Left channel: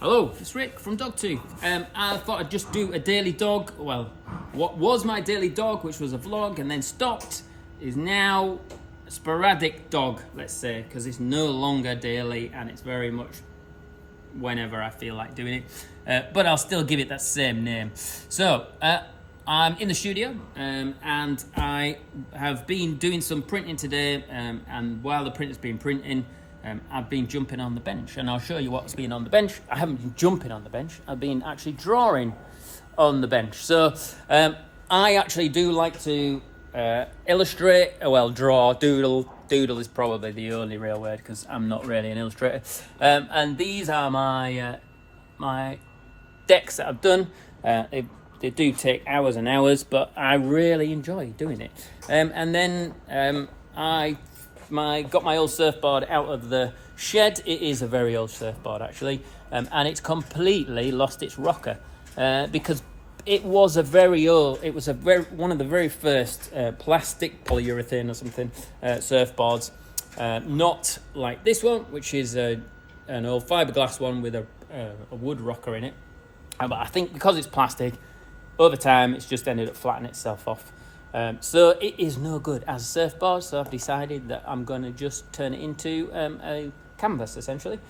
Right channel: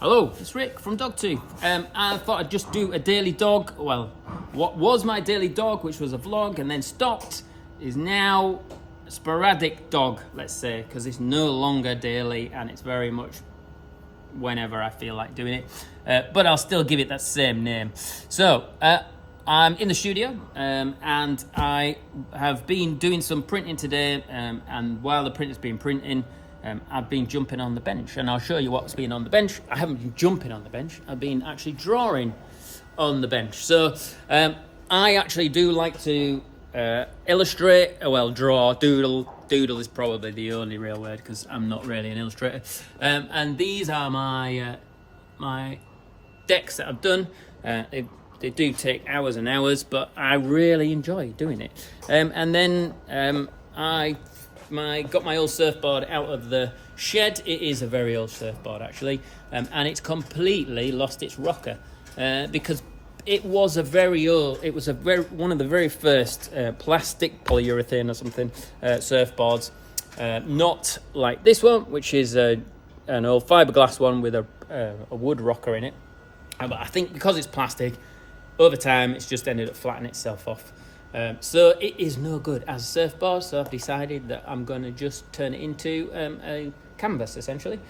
Hello, it's Rick from Dog2. I thought I'd just do a daily dog. Well, what was my daily dog, which was a vlog and then stopped, is now a sporadic dog, let's say, because it's no longer daily and it's very much whenever I feel like doing it. But I'll still give it that same name. So, I'm in the studio and I have been doing some printing today, and while the printer's been printing, I've been jumping on the bench, and I'll show you what's been on the bench. I haven't been jumping on the bench, I've been actually drawing on the bench. So I actually do like to illustrate, draw, doodle. Doodle is probably the only real word because I'm not really an illustrator. And these are my my decks that I've done. They do take hours and hours, but I really enjoy doing it. And then I got my old surfboard out of the shed. It is a very old surfboard actually, and it's completely lost its rocker because it was one of the very first plastic, polyurethane or something surfboards, not like this one, which is an old fiberglass one with a wood rocker in it. But I think because it's plastic, over time it's just ended up flattening itself off. So it is no good as a surfboard, so I've decided that I'm going to just turn it into a canvas, essentially.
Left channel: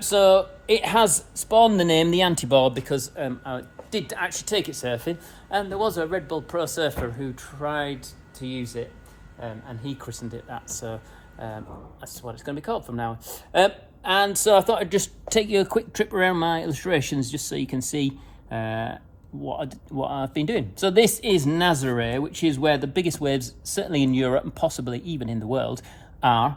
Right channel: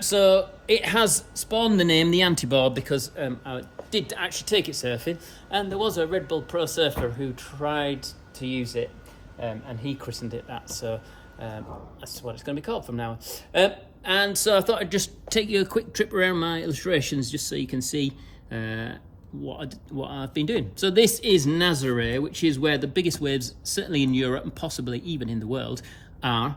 So it has spawned the name the Anti-board because I did actually take it surfing, and there was a Red Bull Pro surfer who tried to use it, and he christened it that, so that's what it's going to be called from now on. And so I thought I'd just take you a quick trip around my illustrations just so you can see what I've been doing. So this is Nazaré, which is where the biggest waves, certainly in Europe and possibly even in the world, are.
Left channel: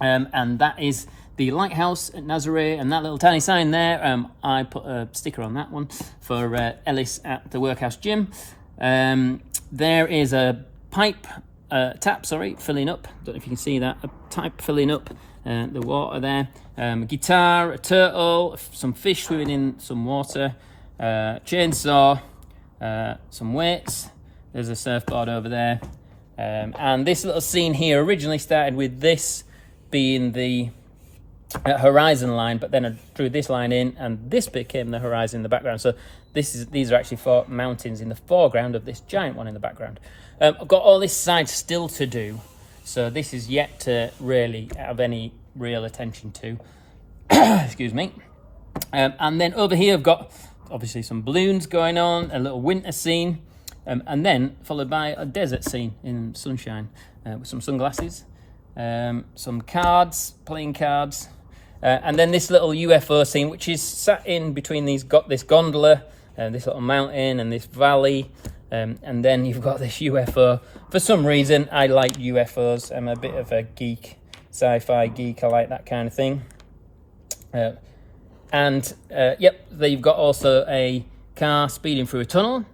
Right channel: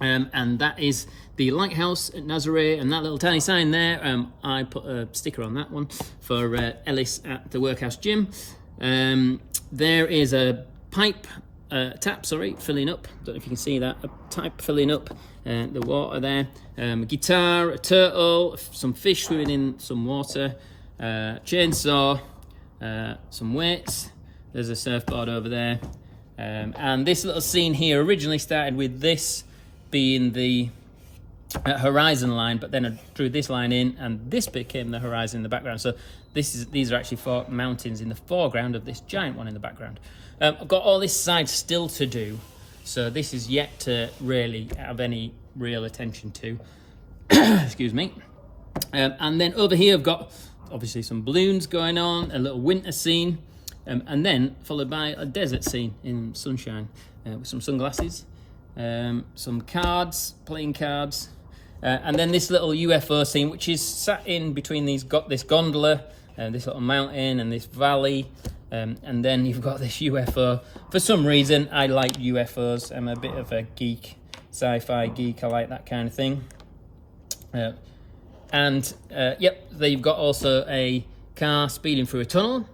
And that is the lighthouse at Nazaré, and that little tiny sign there, I put a sticker on that one for Ellis at the workhouse gym. There is a tap filling up. Don't know if you can see that. A tap filling up the water there. A guitar, a turtle, some fish swimming in some water, chainsaw, some weights. There's a surfboard over there, and this little scene here originally started with this being the horizon line, but then I drew this line in and this became the horizon in the background. So these are actually 4 mountains in the foreground of this giant one in the background. I've got all this side still to do, so this is yet to really have any real attention to. Excuse me. And then over here I've got obviously some balloons going on, a little winter scene, and then followed by a desert scene in sunshine with some sunglasses, some cards, playing cards, and then this little UFO scene, which is sat in between this gondola and this little mountain and this valley, and then you've got this UFO. For some reason, I like UFOs. I'm a bit of a geek, sci-fi geek. I like that kind of thing. And yep, there you've got also a car speeding through a tunnel,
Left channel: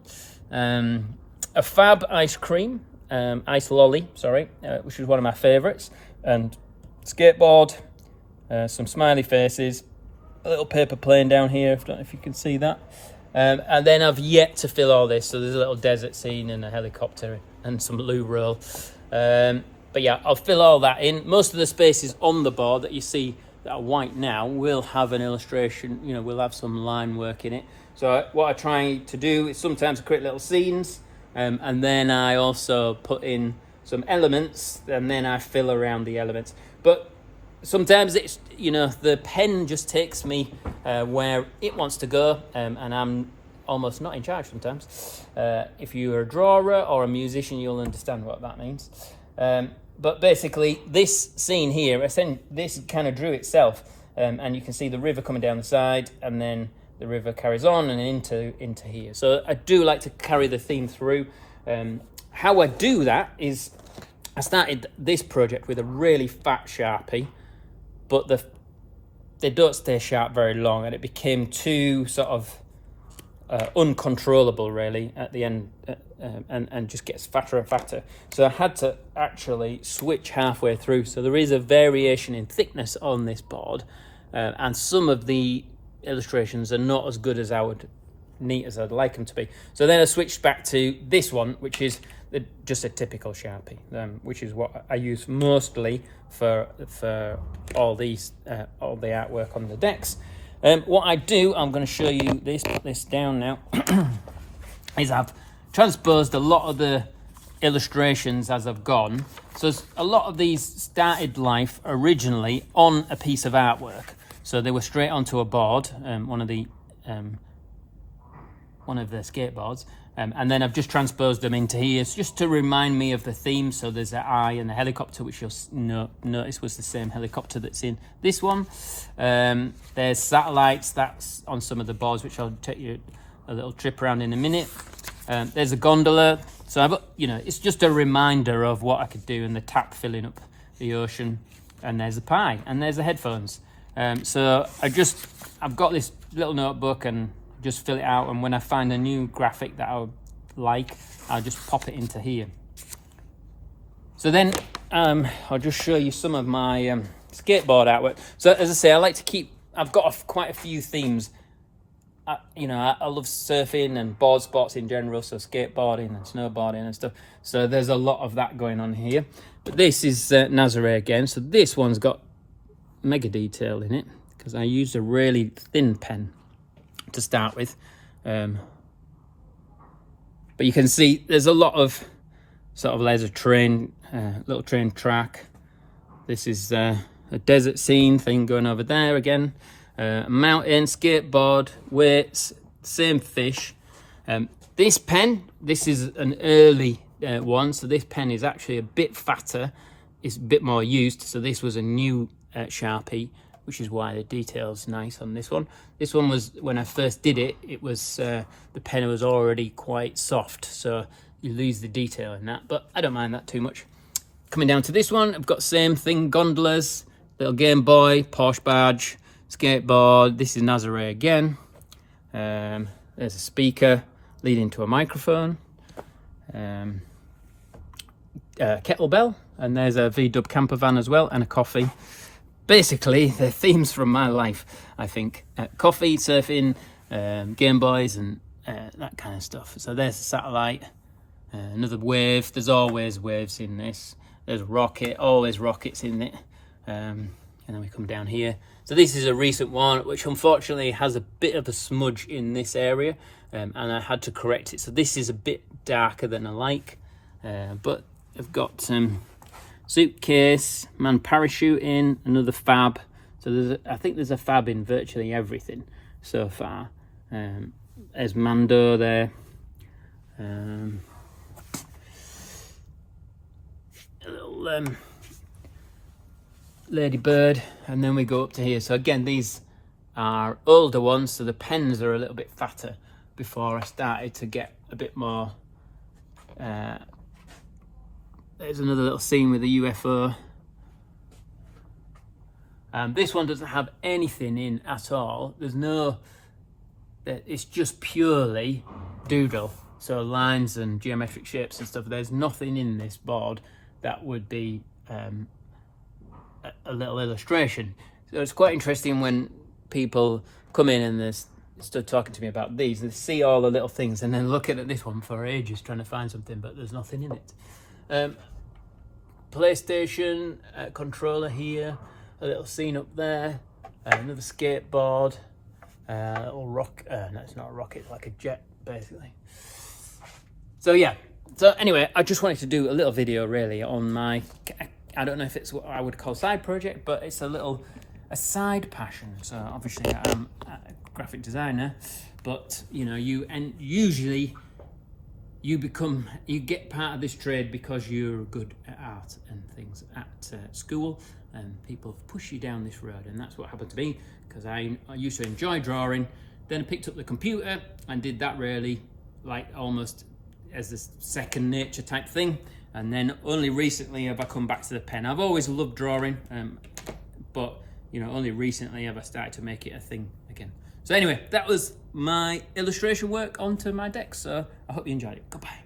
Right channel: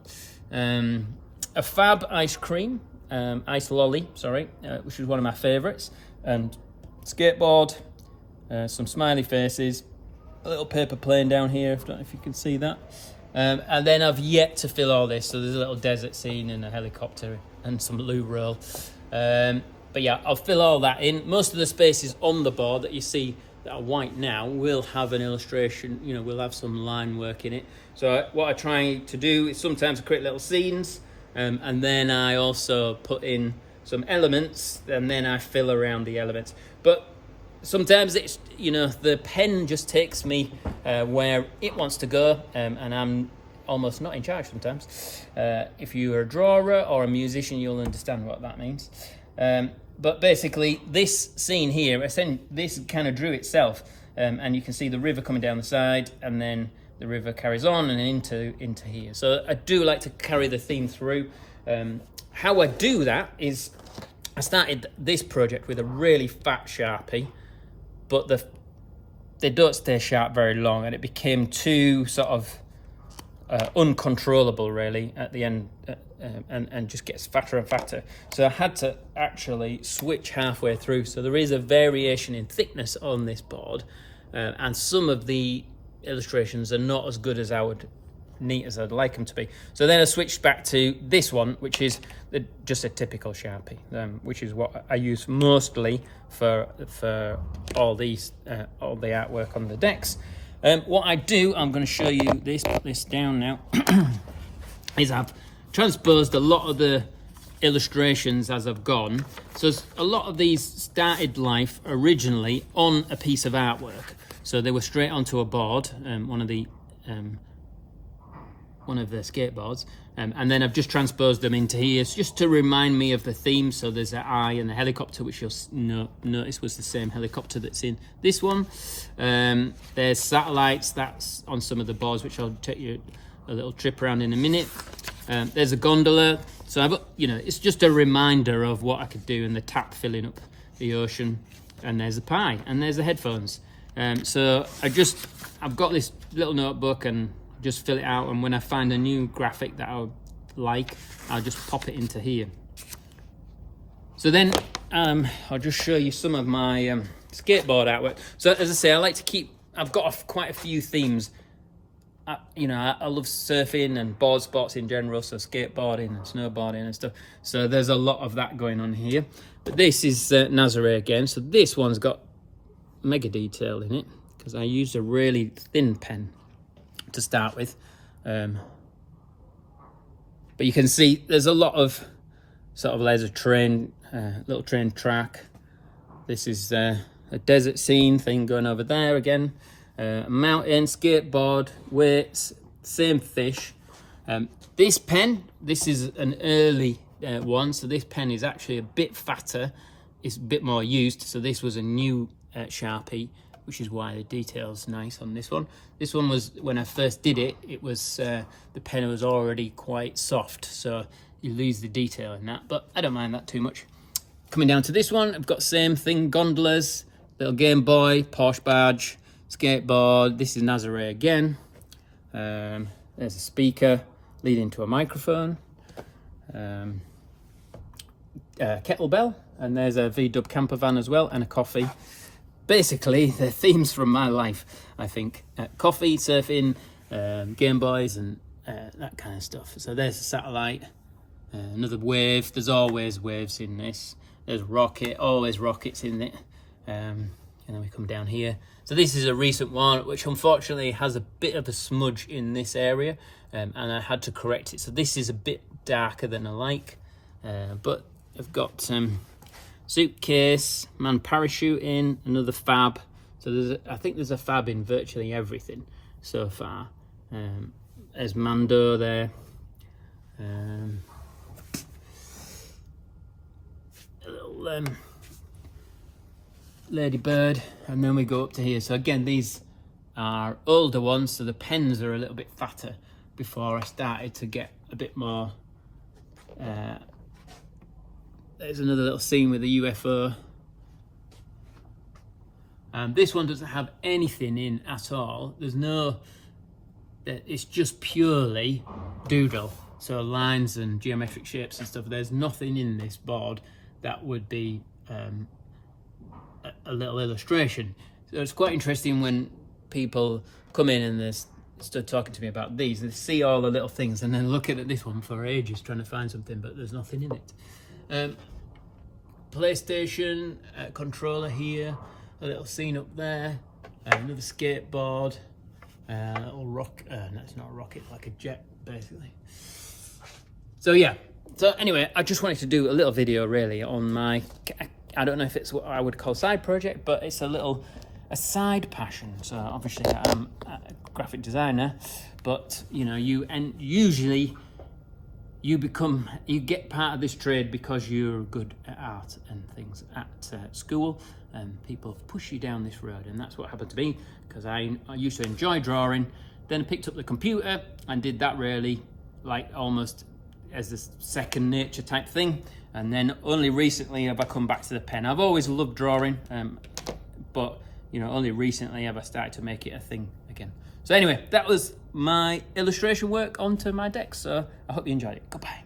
a fab ice cream, ice lolly, sorry, which is one of my favourites, and skateboard, some smiley faces, a little paper plane down here, I don't know if you can see that, and then I've yet to fill all this, so there's a little desert scene and a helicopter and some loo roll, but yeah, I'll fill all that in. Most of the spaces on the board that you see that are white now will have an illustration, will have some line work in it. So what I try to do is sometimes create little scenes, and then I also put in some elements, and then I fill around the elements. But sometimes it's, the pen just takes me where it wants to go, and I'm almost not in charge sometimes. If you're a drawer or a musician, you'll understand what that means. But basically, this scene here, this kind of drew itself, and you can see the river coming down the side, and then the river carries on and into here. So I do like to carry the theme through. How I do that is, I started this project with a really fat Sharpie, but they don't stay sharp very long, and it became too sort of uncontrollable really at the end, and just gets fatter and fatter. So I had to actually switch halfway through. So there is a variation in thickness on this board, and some of the illustrations are not as good as neat as I'd like them to be. So then I switched back to this one, which is just a typical Sharpie, which is what I use mostly for all the artwork on the decks. What I do, I'm going to show you this, put this down now, is I've transposed a lot of the illustrations as I've gone. So a lot of these started life originally on a piece of artwork. So they were straight onto a board, one of the skateboards, and then I've just transposed them into here just to remind me of the theme. So there's an eye and the helicopter, which you'll notice was the same helicopter that's in this one. There's satellites, that's on some of the boards, which I'll take you a little trip around in a minute. There's a gondola. So it's just a reminder of what I could do, and the tap filling up the ocean. And there's a pie, and there's the headphones. So I've got this little notebook and just fill it out, and when I find a new graphic that I would like, I'll just pop it into here. So then I'll just show you some of my skateboard artwork. So as I say, I like to keep, I've got quite a few themes. I love surfing and board sports in general, so skateboarding and snowboarding and stuff. So there's a lot of that going on here. But this is Nazare again. So this one's got mega detail in it because I used a really thin pen to start with. But you can see there's a lot of there's a train, little train track. This is a desert scene thing going over there again. Mountain, skateboard, weights, same fish. This pen, this is an early one, so this pen is actually a bit fatter, it's a bit more used, so this was a new Sharpie, which is why the detail's nice on this one. This one was, when I first did it, it was the pen was already quite soft, so you lose the detail in that, but I don't mind that too much. Coming down to this one, I've got same thing, gondolas, little Game Boy, Porsche badge, skateboard. This is Nazare again. There's a speaker leading to a microphone, kettlebell, and there's a V-dub camper van as well, and a coffee. Basically, the themes from my life, I think. Coffee, surfing, Game Boys, and that kind of stuff. So there's a satellite, another wave. There's always waves in this. There's a rocket, always rockets in it. And then we come down here. So this is a recent one, which unfortunately has a bit of a smudge in this area, and I had to correct it. So this is a bit darker than I like, but I've got some suitcase, man parachuting, another fab. So I think there's a fab in virtually everything so far. There's Mando there. A little ladybird, and then we go up to here. So again, these are older ones, so the pens are a little bit fatter before I started to get a bit more. There's another little scene with the UFO. This one doesn't have anything in at all. There's no, it's just purely doodle, so lines and geometric shapes and stuff. There's nothing in this board that would be a little illustration. So it's quite interesting when people come in and they start talking to me about these, they see all the little things and then looking at this one for ages trying to find something, but there's nothing in it. PlayStation controller here, a little scene up there, another skateboard, a little rock, no, it's not a rocket, like a jet basically. So yeah, so anyway, I just wanted to do a little video really on my, I don't know if it's what I would call side project, but it's a side passion. So obviously I'm a graphic designer, but usually you get part of this trade because you're good at art and things at school, and people push you down this road, and that's what happened to me, because I used to enjoy drawing, then I picked up the computer and did that really like almost as a second nature type thing. And then only recently have I come back to the pen. I've always loved drawing, but only recently have I started to make it a thing again. So anyway, that was my illustration work onto my deck. So I hope you enjoyed it. Goodbye.